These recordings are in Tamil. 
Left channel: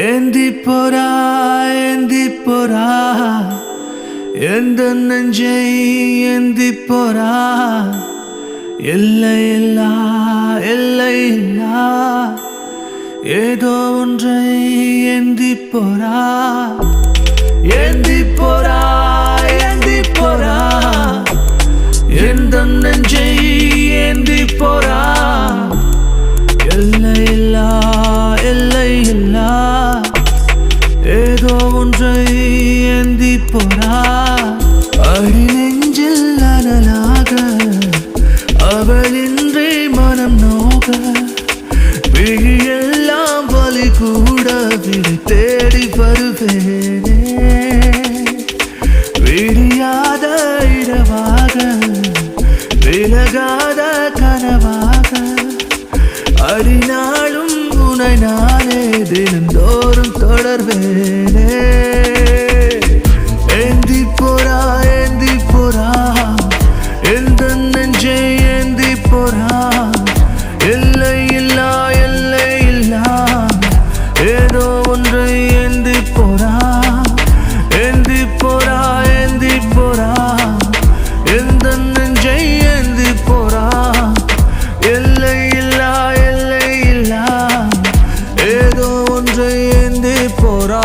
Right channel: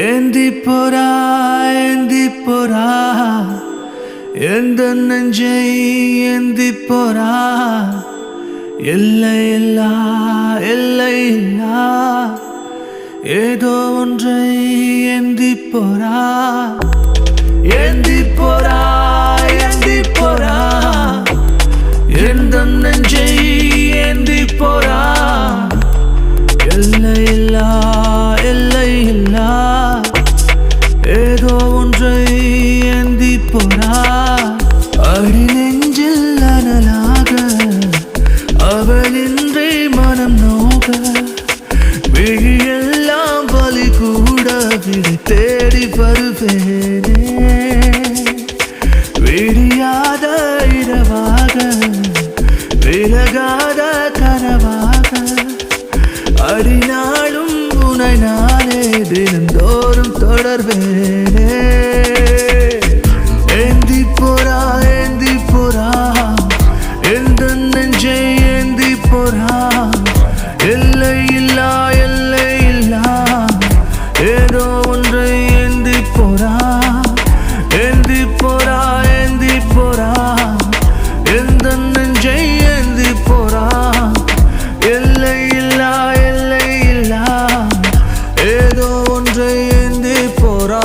ஏந்தி போரா ஏந்தி போரா எந்த நெஞ்சை ஏந்தி போரா எல்லை இல்லா எல்லை இல்லா ஏதோ ஒன்றை ஏந்தி போரா ஏந்தி போரா ஏந்தி போரா எந்த நெஞ்சை ஏந்தி போரா எல்லை இல்லா எல்லை இல்லா ஏதோ ஒன்றை ஏந்தி போரா அடி நெஞ்சில் அனலாக அவளின்றி மனம் நோக விழியெல்லாம் வலி கூட விடை தேடி வருவேனே விடியாத இரவாக விலகாத கனவாக அடிநாளும் உனை நானே தினந்தோறும் தொடர்வேனே ஏந்தி போரா ஏந்தி போரா எந்த நெஞ்சை ஏந்தி போரா எல்லை இல்லா எல்லை இல்லா ஏதோ ஒன்றை ஏந்தி போரா ஏந்தி போரா ஏந்தி போரா எந்த நெஞ்சை ஏந்தி போரா எல்லை இல்லா எல்லை இல்லா ஏதோ ஒன்றை ஏந்தி போரா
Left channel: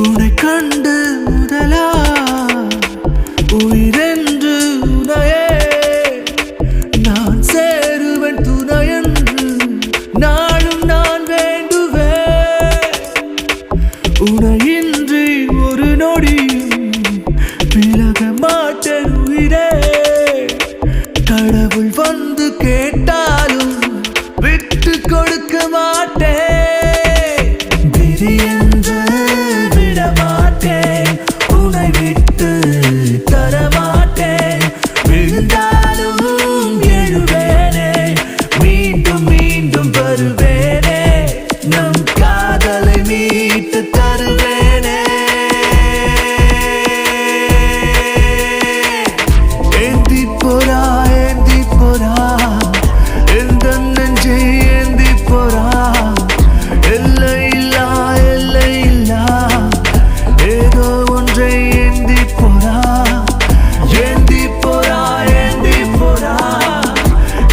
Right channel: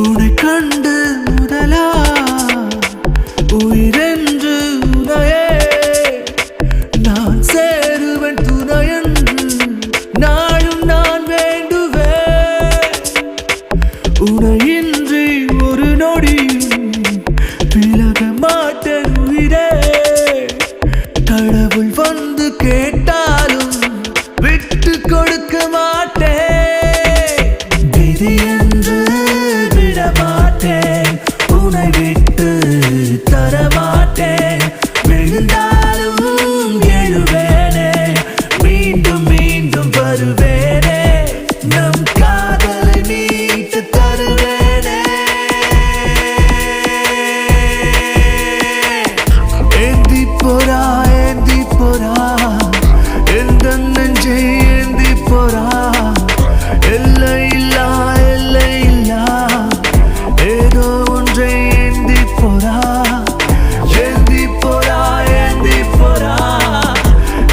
உன்னை கண்டு முதலா உயிரென்று உனையே நான் சேருவன் துணையென்று நாளும் நான் வேண்டுவேன் உனையின்றி ஒரு நொடியும் விலக மாட்டேன் உயிரே கடவுள் வந்து கேட்டாலும் விட்டு கொடுக்க மாட்டேன் விதி என்று விடமாட்டேன் உன்னை விட்டு தரமாட்டேன் விழுந்தாலும் எழுவேனே மீண்டும் மீண்டும் வருவேனே நம் காதலை மீட்டு தருவேனே ஏந்தி போரா ஏந்தி போரா எந்த நெஞ்சை ஏந்தி போரா எல்லை இல்லா எல்லை இல்லா ஏதோ ஒன்றை ஏந்தி போரா ஏந்தி போரா ஏந்தி போரா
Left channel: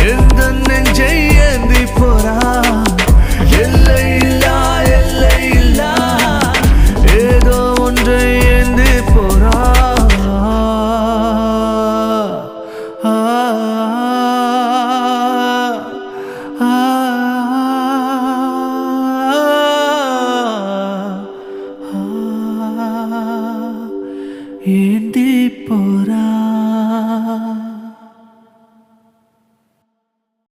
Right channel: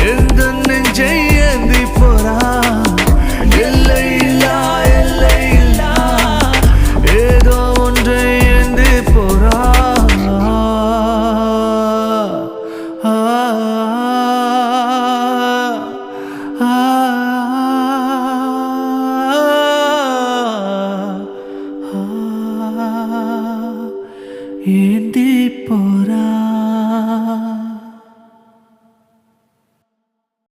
எந்த நெஞ்சை ஏந்தி போரா எல்லை இல்லா எல்லை இல்லா ஏதோ ஒன்றை ஏந்தி போரா